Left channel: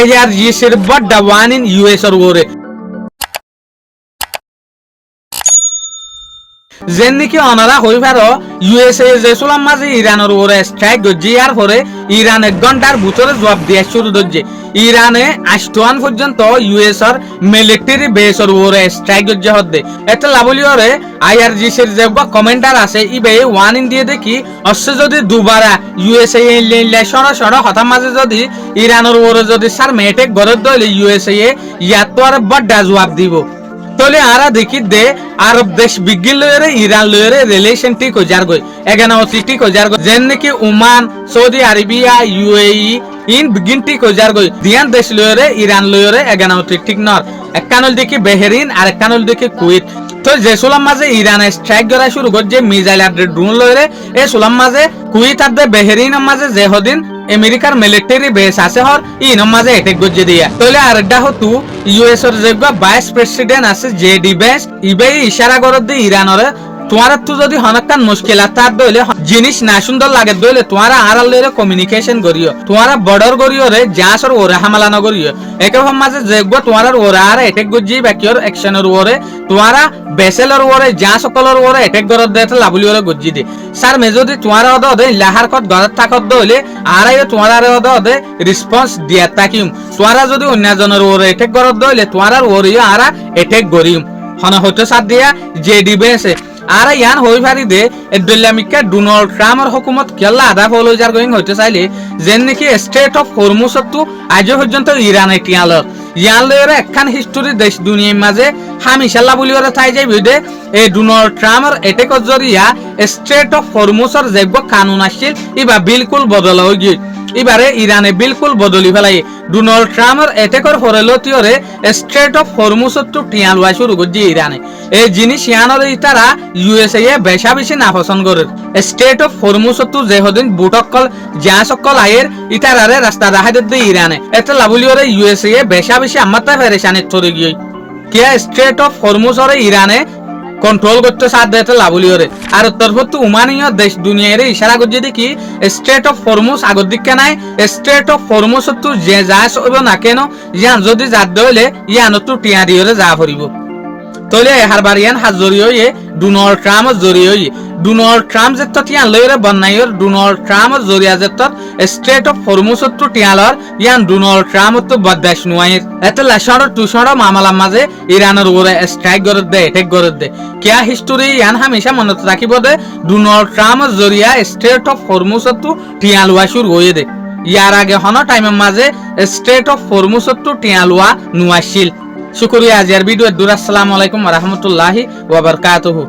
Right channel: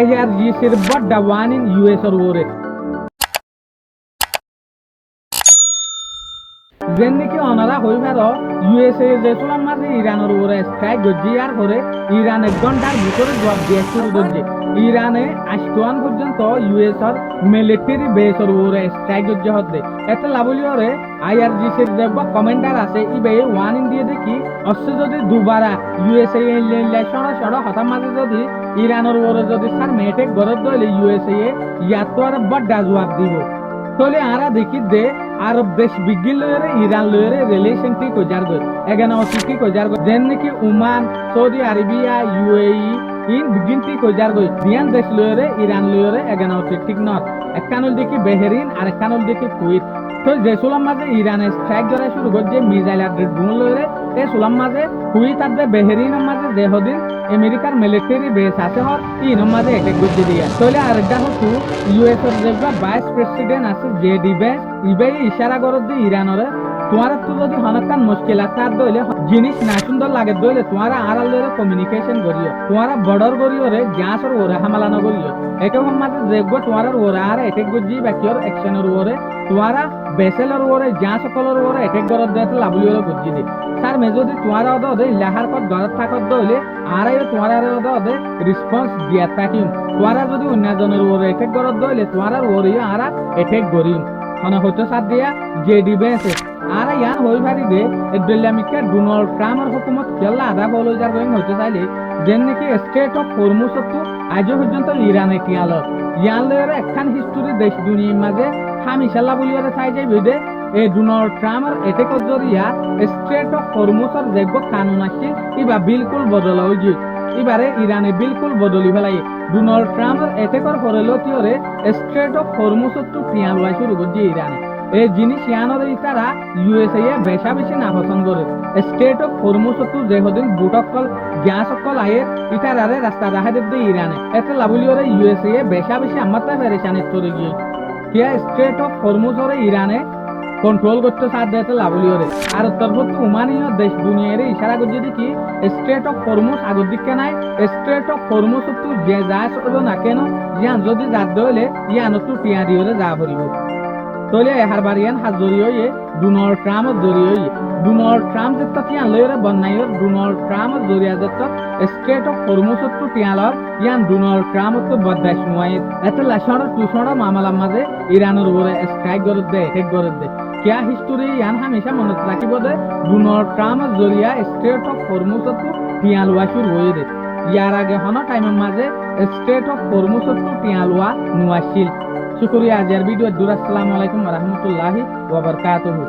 IRGCৰ বড় one in US ওরে যেন নাকি অনারা হই পারো USA যে সুলাম মাঝে ইরানের ওরে স্ট্রাইক গজি আর পরে ইরান 1 ঘন্টার ভিতরে জবাব দিয়া শুরু করছে ইরানে আষ্টওয়ান পর্যন্ত US এর মিলিটারি বেসর ওরে স্ট্রাইক গজি হদ্দে এটা লাবলি ওরে IRGCর যে কমেন্টার আছে ইবে ওয়ান ইন্ডিয়া দেখি অস যদি দুবারা USA সরাসরি হঠাৎ মাঝে যদি ইরানের ওরে যদি সার মেটেক গরদ দলে USA ইয়াত আর বড় জবাব দিব তলে আরা দেখি দে আরব দেশ বিগিল লয়রে ইরান লয়রে রিলেশন ঠিক হয়ে যার গই এগানা ঠিক হয়ে যার গই যেন নাকি Oman Saudi Arabia UAE in begin ঠিক হয়ে যার গই দিয়ান দেশ লয়রে ইরান লয়রে এগানা ঠিক নর একখানল দেখি বেহরিন আর একখানল দেখি কুয়েত তো যে সুলাম মাঝে ইরানে স্ট্রাইক করা শুরু করছে মিসাইল আর ড্রোন লয়রে এ সুলাম মাঝে কুয়েত আর বেহরিন মাঝে যে হদিন আমেরিকার মিলিটারি বেস আছে হর ইন মাঝে এটেক গজে দিয়া তলে আরেকটা হতু US এর যে ভাইস প্রেসিডেন্ট আছে JD Vance ইবে ইশারা করে দি ইরানরে তোমার তো যদি হনকান মুশকিলাত তার দইলে জিনিস না সুন্দর লাগে দইলে তোমার আড়ালের কমিউনিকেশন করিও তোমার বর্ডার করিও রে জাসর ওরে হামলা না করিও একরকম মাঝে যেগব তোমার ওরে আর এটেক গজি বাকির অ্যাকশনের ওরে তোমার বেসেলর ওরে যা সকলের ওরে এটেক গরদ দেতে লাবলি ওরে গজি দি স্যার মে যদি তোমার ওদে লাহার কত গরদ থাকত দইলে আর তোমার ওদে রেসপন্স দিয়া তাকিম তোমার যদি অন্যজনের ওরে এটেক গরদ দইলে তোমার ওরে আর এটেক গরিম হন হতে সাথ দিয়া JD Vance আর ইয়ান হই পারি দে এডলামিকা ডোনাল্ড ট্রাম্পের হুকুমত কেলা আদা ফলো যার গোইং হইতে চাইলে যেন নাকি স্টেট অফ হরমুজ তো আজ পর্যন্ত ইরানে টিয়ালর ইয়ান লয়রে একখান হিস্টোরি দেশ দুনিয়ার মাঝে হামিশাল্লাহ বলি ওরা থাই যাই বিদে এই ডোনাল্ড ট্রাম্পের এটেকর জরিয়া স্টেট অফ হরমুজের যে কানুন আসছিল ইবা বিলকুল বদল হয়ে গিয়ে এবারে ইরানে বিলকুল বদলি ফেলাই ডোনাল্ড ট্রাম্পের এটেকর পরে লতিওরে স্ট্রেট অফ হরমুজ তো টিয়ালওয়া শুরু করছে ইরানে এই জিনিস ইয়ানোর ইতারা USA বেশা বেশি না পছন্দ করে স্টেট অফ হরমুজ তো যে হদিন বুটকল যা সকল আয়ের ইতারারে রাস্তা রাহাই দে ইরানে এটা লাবলিওরে USA বেশা বেশি আমাতা ফেরেশানে চলে গিয়ে কে স্ট্রেট অফ হরমুজের ইরানে কন্ট্রোল করতে সাথ দিতে লাবলিওরে আর তরফত উমানীয় দেশ দুনিয়ার ইশারা করছে দেখি স্ট্রেট অফ হরমুজ আগর দিকে নাই স্ট্রেট অফ হরমুজ তো যে যাস হইব না কেন ইয়ান যদি যাত দইলে ইয়ান তো টিয়া দিয়রে যা পড়িব তলে হারবারিয়ান হাজরিয়ে ডোনাল্ড ট্রাম্প জরিয়ে ডোনাল্ড ট্রাম্প যেত টিয়ান লয়রে বন্নাইর ডোনাল্ড ট্রাম্প জরিয়া যেত স্ট্রেট অফ হরমুজ তো টিয়ালর ইয়ান ডোনাল্ড ট্রাম্প তো বদাস নুয়াই এতে লাশর তুষর মামলা মাঝে ইরানের উপরে স্ট্রাইক করে দে এটেক করে দে কিয়া হিস্টোরি ইয়ান হামেশা মনত রাখিব দে ডোনাল্ড ট্রাম্প জরিয়া স্ট্রেট অফ হরমুজ তো টিয়ালওয়া শুরু হয়ে দে ইয়ার আগে হন টাইমের মাঝে স্ট্রেট অফ হরমুজ তো টিয়ালওয়া নুয়াছিল শুকরিয়া আজকের ভিডিও দূর আসসালামু আলাইকুম ওয়া রাহমাতুল্লাহি ওয়া বারাকাতুহু।